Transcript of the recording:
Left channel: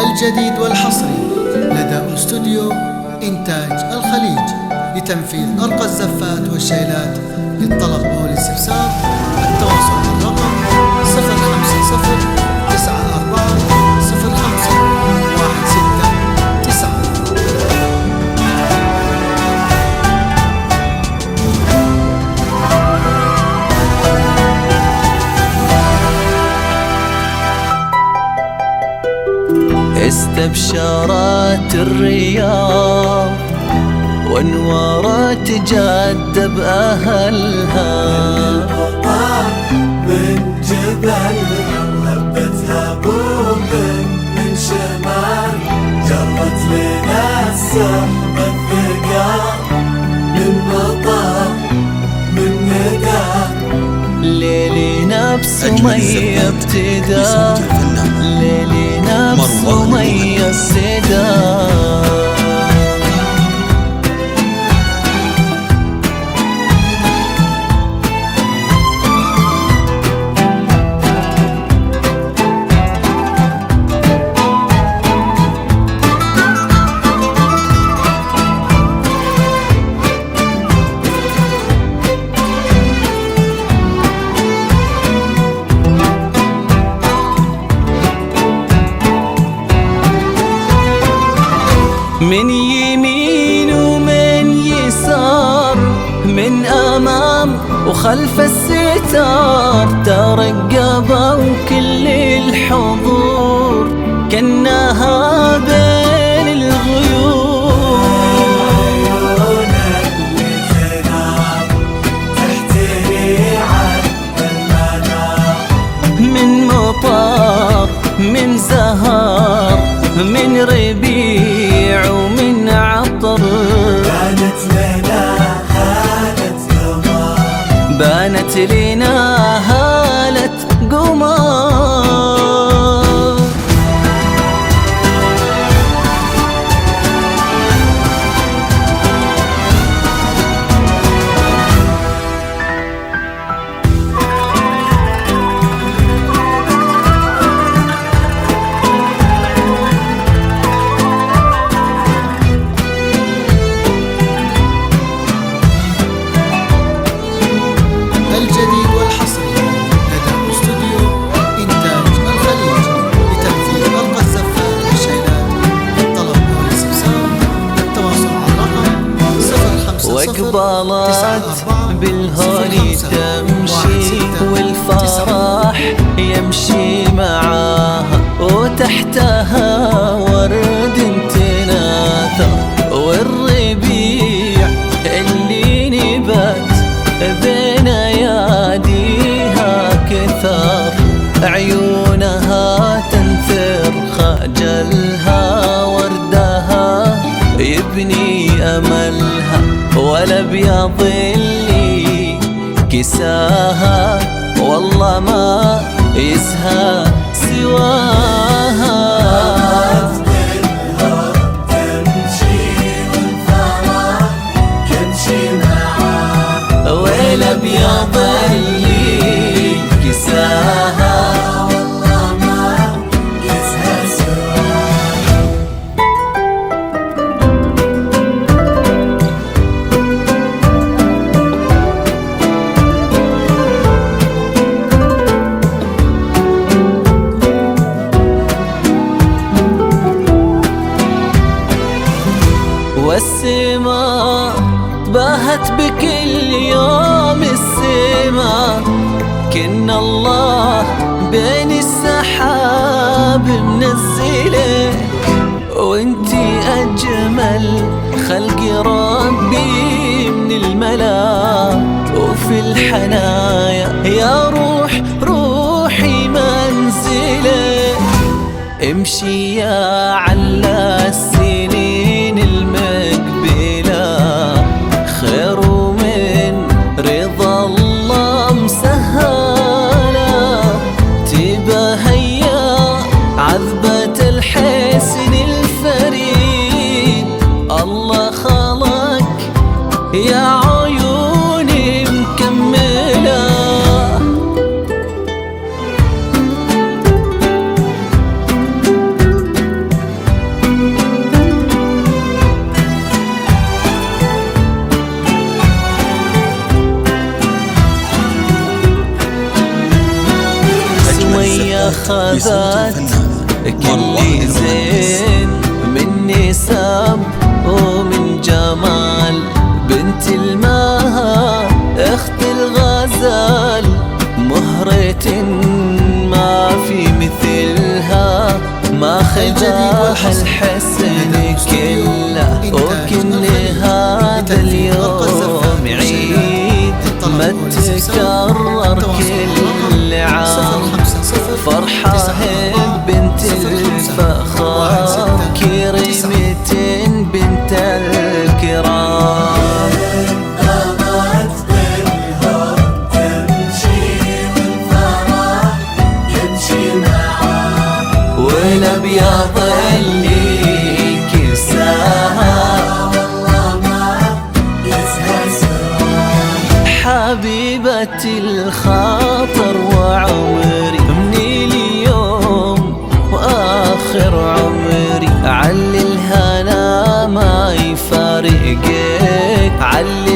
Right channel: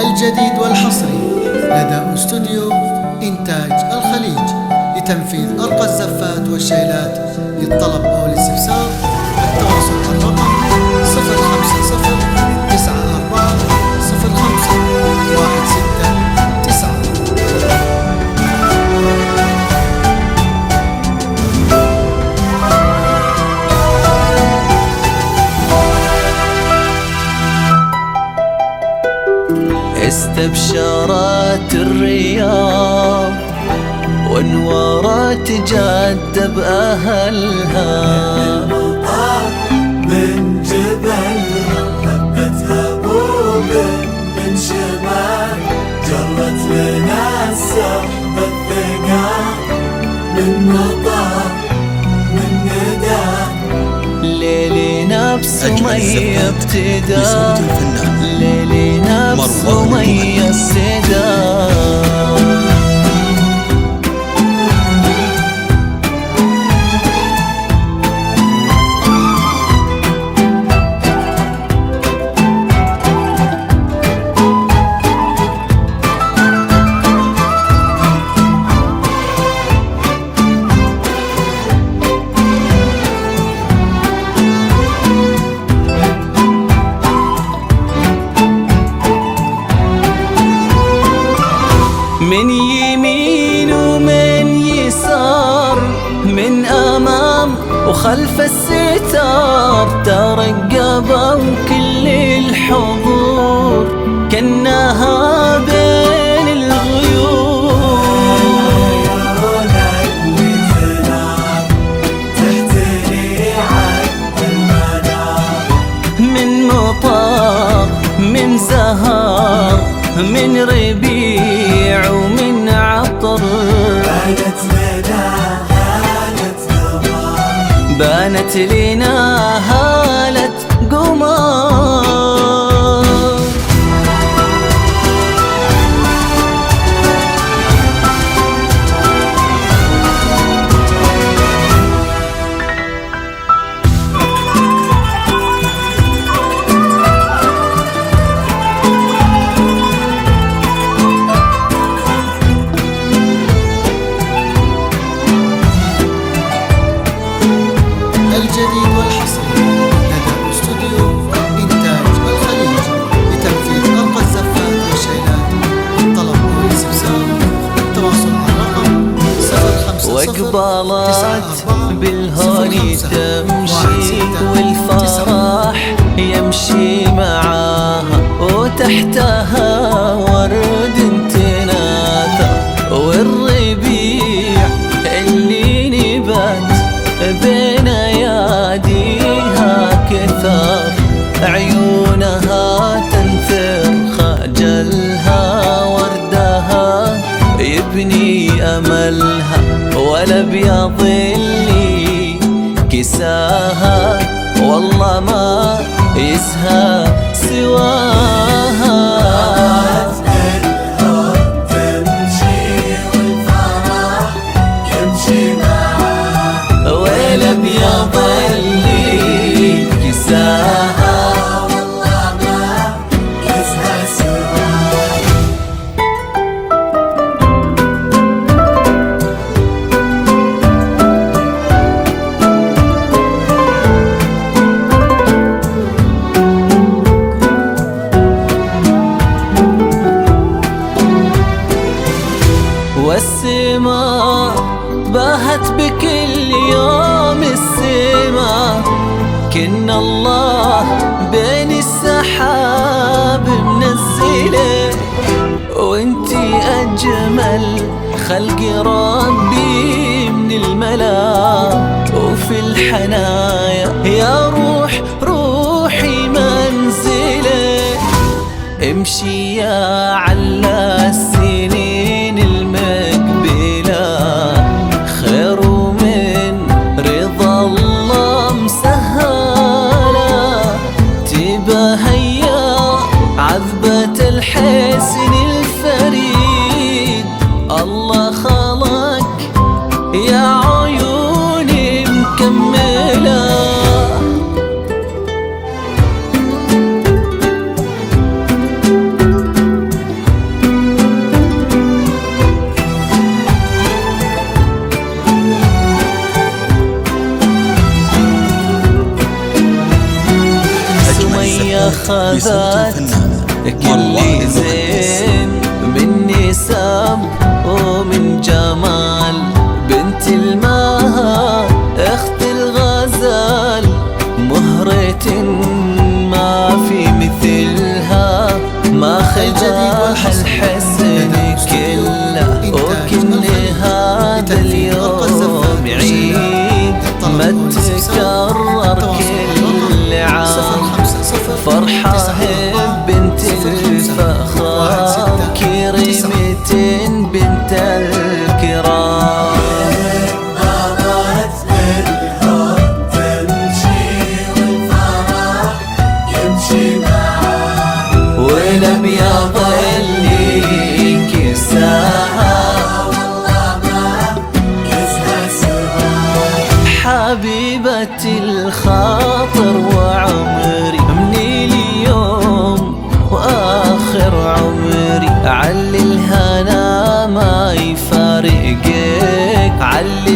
الجديد والحصري لدى استوديو إنتاج الخليج لتنفيذ أرقى الزفات والشيلات. للطلب أو الاستفسار التواصل على الرقم 050-94-05-169. استبشرت الرياض وانورت جدة بأهلها، من جبلها هبتها بوب من شمال، جرت لنا السحب الثقال من مطار من ندى. ليلنا بسمية ابتدى، ليلنا بسمية ابتدى. من يمين ومن يسار، من أمام وخلف الستار، ترقبوا كل الحضور كأنها بين الغيور. من مطار من زهر من ربيع ومن عطر، بانت لنا هالة قمر. الجديد والحصري لدى استوديو إنتاج الخليج لتنفيذ أرقى الزفات والشيلات. للطلب أو الاستفسار التواصل على الرقم 050 وقبلت بالهون تمشي والفرح يمشي معاها، وتحتها ورد تناثر، والربيع اللي نبات بين اياديها كثر، عيونها تنثر خجلها، وردها يبني املها، والابيض اللي كساها والله ما يسهى سواها. والابيض اللي كساها والله ما يسهى سواها. والسماء باهت بكل يوم السما، كن الله بين السحاب منزلك، وانتي أجمل خلق ربي من الملا، وفي الحنايا يا روح روحي منزلك. امشي يا على السنين المقبلة، خير من رضا الله مسهلة، تبهيا عذبة الحسن الفريد. الله خلق يا عيوني مكملة، هي خذت كل زين مني سب ومن جمال بنت المها اخت الغزال مهرة ما في مثلها ما خذاها الحسن كله وكن هذا اليوم عيد ما تكرر كل عام فرحة بنت الفخار كريمة بنت الكرام والابيض اللي كساها حبيبتي الخاطر وعمري من اليوم واخر عمري علي الهنا ما يفارقك علي